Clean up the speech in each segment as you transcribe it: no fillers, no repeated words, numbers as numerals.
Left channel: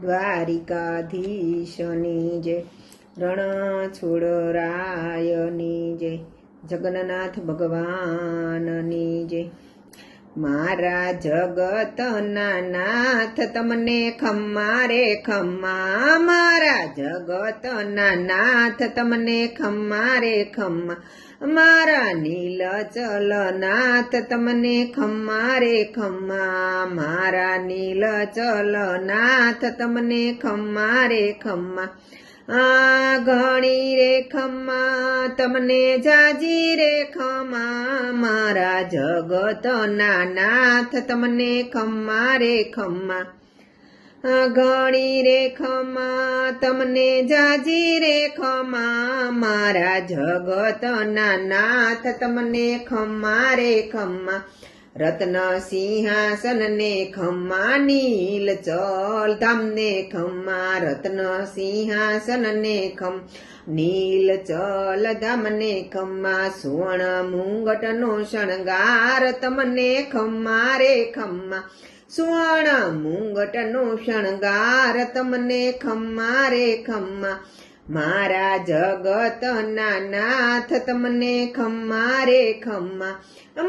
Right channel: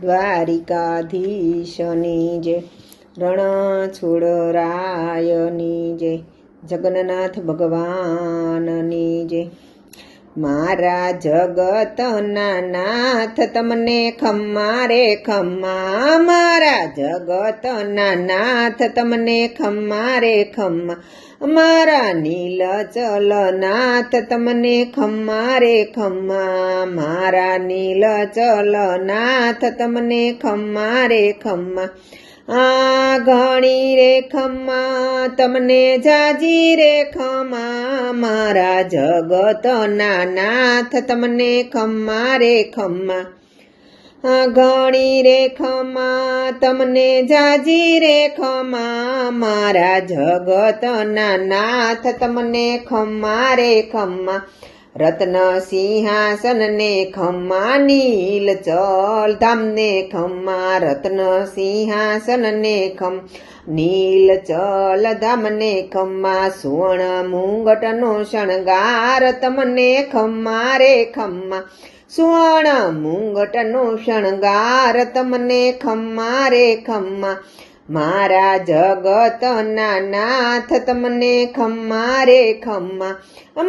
દ્વારિકાધીશની જય, રણછોડરાયની જય, જગન્નાથ ભગવાનની જય। મારા જગતના નાથ તમને ખમ્મા રે ખમ્મા, મારા જગતના નાથ તમને ખમ્મા રે ખમ્મા, મારા નીલચલ નાથ તમને ખમ્મા રે ખમ્મા, મારા નીલચલ નાથ તમને ખમ્મા રે ખમ્મા। આ ઘણી રે ખમ્મા તમને જાજી રે ખમ્મા, મારા જગતના નાથ તમને ખમ્મા રે ખમ્મા। આ ઘણી રે ખમ્મા તમને જાજી રે ખમ્મા, મારા જગતના નાથ તમને ખમ્મા રે ખમ્મા। રત્ન સિંહાસન ને ખમ્મા, નીલચલ ધામ ને ખમ્મા, રત્ન સિંહાસન ને નીલચલ ધામ ને ખમ્મા, સુવર્ણ મુંગટનો શણગાર તમને ખમ્મા રે ખમ્મા, સુવર્ણ મુંગટનો શણગાર તમને ખમ્મા રે ખમ્મા। મારા જગતના નાથ તમને ખમ્મા રે ખમ્મા,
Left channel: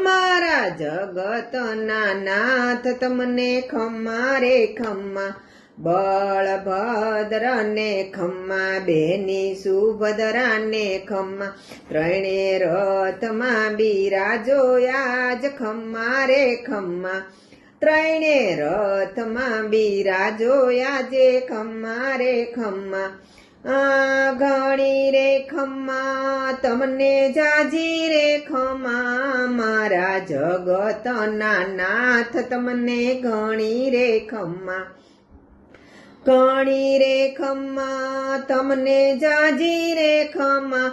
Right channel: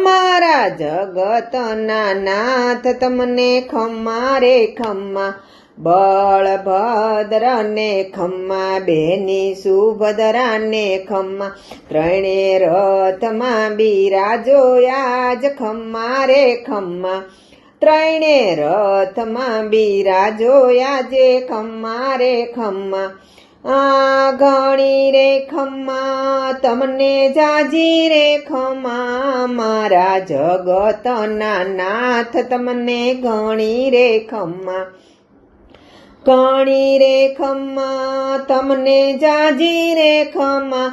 મારા જગતના નાથ તમને ખમ્મા રે ખમ્મા। બળભદ્ર ને ખમ્મા, બેની સુભદ્રા ને ખમ્મા, ત્રણે રથમાં બિરાજો આજ ખમ્મા રે ખમ્મા, ત્રણે રથમાં બિરાજો આજે ખમ્મા રે ખમ્મા। આ ઘણી રે ખમ્મા તમને જાજી રે ખમ્મા, મારા જગતના નાથ તમને ઘણી રે ખમ્મા, ઘણી રે ખમ્મા તમને જાજી રે ખમ્મા,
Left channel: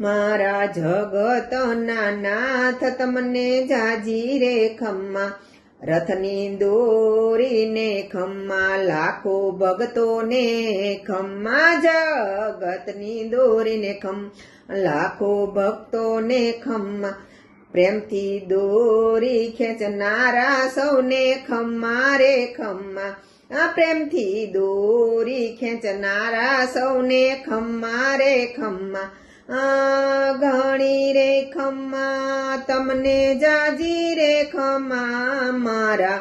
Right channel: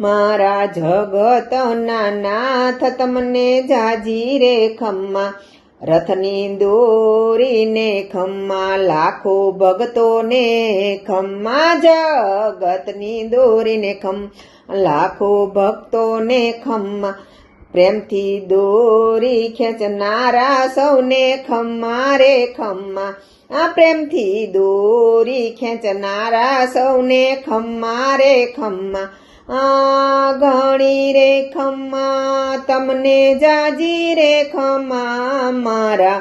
મારા જગતના નાથ તમને જાજી રે ખમ્મા। રથની દોરીને ખમ્મા, લાખો ભક્તોને ખમ્મા, જગતની દોરીને ખમ્મા, લાખો ભક્તોને ખમ્મા, પ્રેમથી દોરી ખેંચનારા સૌને ખમ્મા રે ખમ્મા, આ પ્રેમથી દોરી ખેંચનારા સૌને ખમ્મા રે ખમ્મા। આ ઘણી રે ખમ્મા તમને જાજી રે ખમ્મા, મારા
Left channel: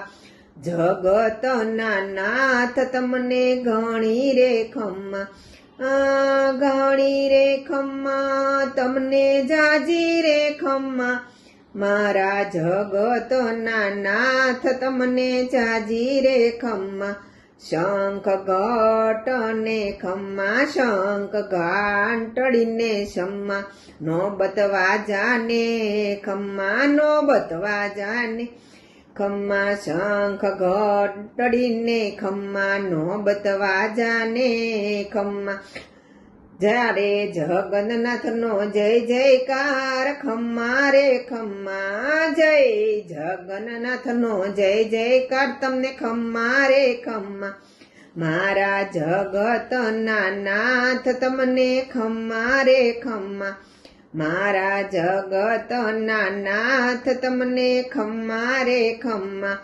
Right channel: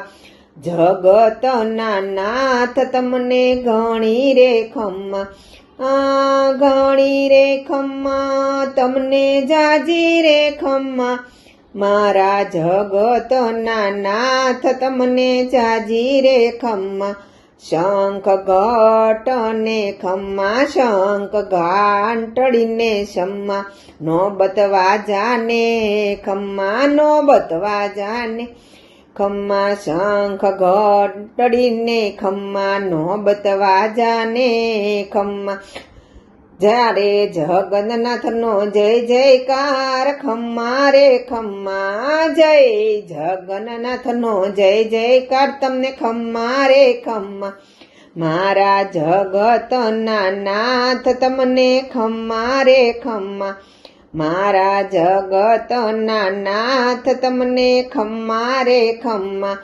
જગતના નાથ તમને ઘણી રે ખમ્મા, આ ઘણી રે ખમ્મા તમને જાજી રે ખમ્મા, મારા જગતના નાથ તમને જાજી રે ખમ્મા। શંખ ઘટને ખમ્મા, શંખ ઘાંટડીને શમ્મા, નોબત વાજાને ખમ્મા, નોબત વાજાને ખમ્મા, શંખ ઘંટડીને ખમ્મા, નોબત વાજાને ખમ્મા। જ્યારે જગન્નાથનો જય જયકાર ખમ્મા રે ખમ્મા, જય જગન્નાથનો જય જયકાર તમને ખમ્મા રે ખમ્મા, મારા જગતના નાથ તમને ખમ્મા રે ખમ્મા, મારા જગતના નાથ તમને ખમ્મા રે ખમ્મા।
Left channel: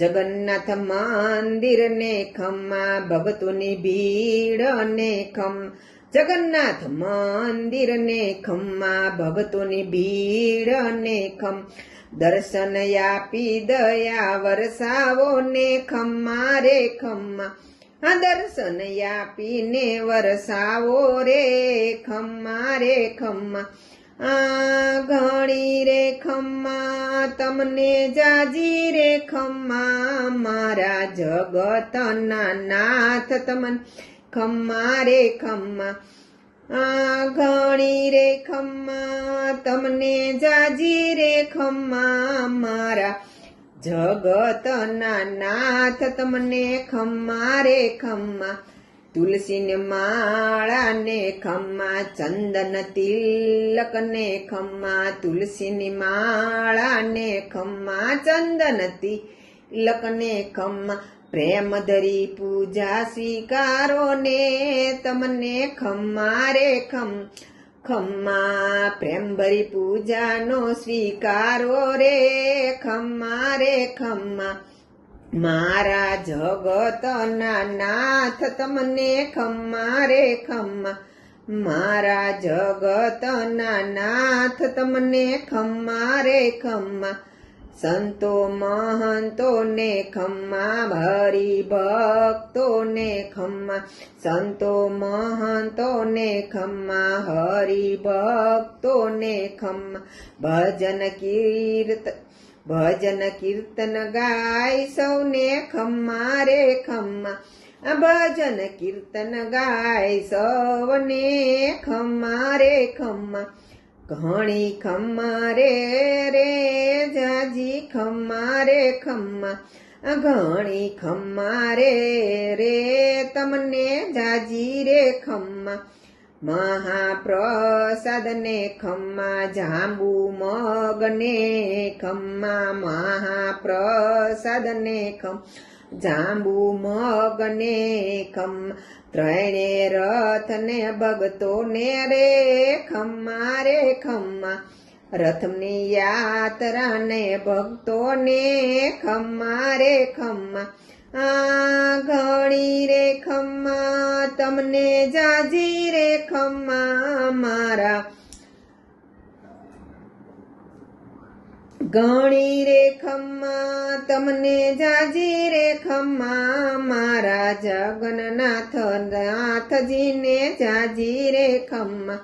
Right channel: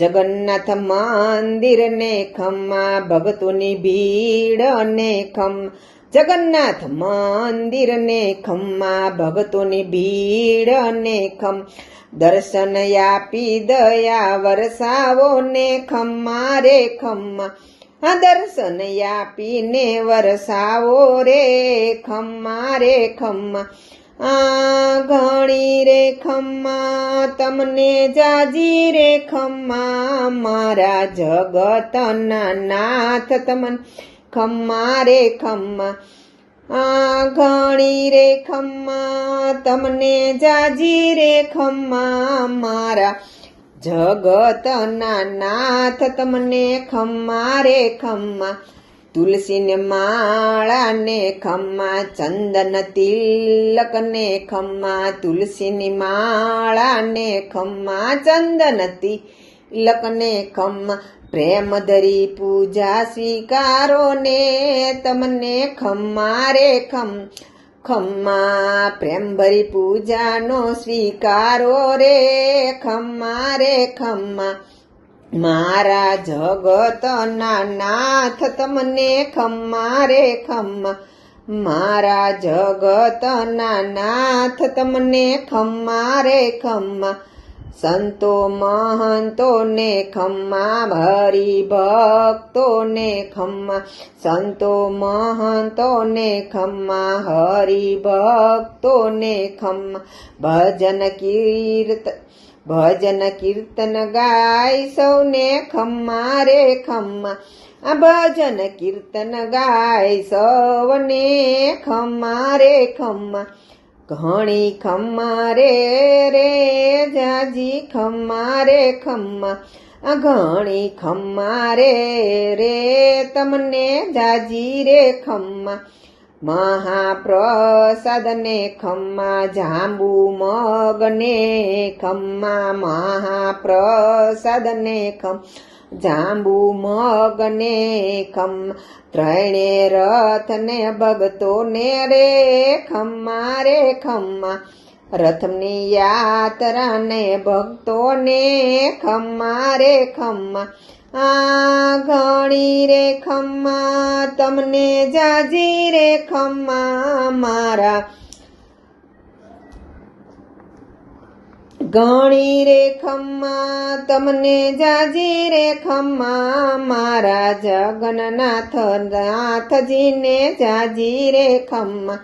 જગન્નાથ મંદિર ને ખમ્મા, ભક્તોની ભીડ ને ખમ્મા, જગન્નાથ મંદિર ને ખમ્મા, ભક્તોની ભીડ ને ખમ્મા, દર્શન આપી દયા વરસાવો ને ખમ્મા રે ખમ્મા, આ દર્શન આપીને વરસાવો રે ખમ્મા રે ખમ્મા। આ ઘણી રે ખમ્મા તમને જાજી રે ખમ્મા, મારા જગતના નાથ તમને ખમ્મા રે ખમ્મા। આ ઘણી રે ખમ્મા તમને જાજી રે ખમ્મા, મારા જગતના નાથ તમને ખમ્મા રે ખમ્મા। તુલસીને માળા ને ખમ્મા, ચંદન તિલક ને ખમ્મા, તુલસીની માળા ને ખમ્મા, ચંદન તિલક ને ખમ્મા, પ્રેમ ધરી પૂજા સ્વીકારો ને તમને ખમ્મા રે ખમ્મા, પ્રેમ ભરી પૂજાનો સ્વીકારો રે ખમ્મા રે ખમ્મા। મારા જગતના નાથ તમને ખમ્મા રે ખમ્મા, મારા જગતના નાથ તમને ખમ્મા રે ખમ્મા, સંતો મહંતોને ખમ્મા, હરિભક્તોને ખમ્મા, સંતો મહંતોને ખમ્મા, હરિભક્તોને ખમ્મા, ભજન કીર્તન ગાય સૌને ખમ્મા રે ખમ્મા, આ ભજન કીર્તન ગાય સૌને ખમ્મા રે ખમ્મા, ઘણી ખમ્મા રે જાજી ખમ્મા રે ખમ્મા, આ ઘણી ખમ્મા રે તમને જાજી રે ખમ્મા, મહાપ્રસાદને ખમ્મા, જાંબુ મગને ખમ્મા, મહાપ્રસાદને જાંબુ મગને ખમ્મા, ત્રણે રથને ભગતોને રે ખમ્મા, રથની યાત્રાને ભક્તોને ખમ્મા રે ખમ્મા, આ ઘણી રે ખમ્મા તમને જાજી રે ખમ્મા, મારા ઘણી રે ખમ્મા તમને જાજી રે ખમ્મા, મારા જગન્નાથ નાથજીને જાજી રે ખમ્મા,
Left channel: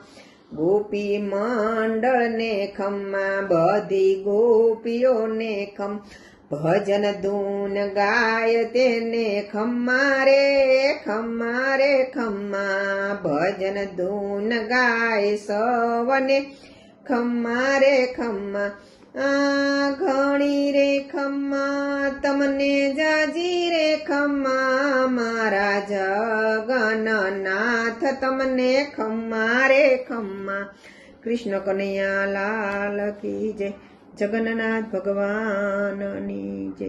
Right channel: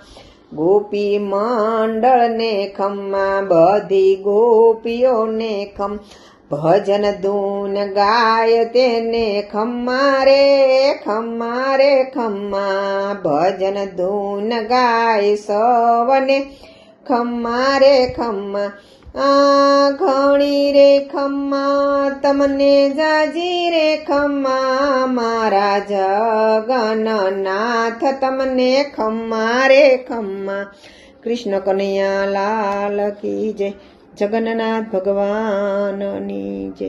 ગોપી મંડળને ખમ્મા, બધી ગોપીઓને ભજન ધૂન ગાય તેને ખમ્મા રે ખમ્મા, ભજન ધૂન ગાય સવને ખમ્મા રે ખમ્મા, આ ઘણી રે ખમ્મા તમને જાજી રે ખમ્મા, મારા જગન્નાથ તમને ખમ્મા રે ખમ્મા. કૃષ્ણ કનૈયા લાલ કી જય, જગન્નાથ ભગવાનની જય.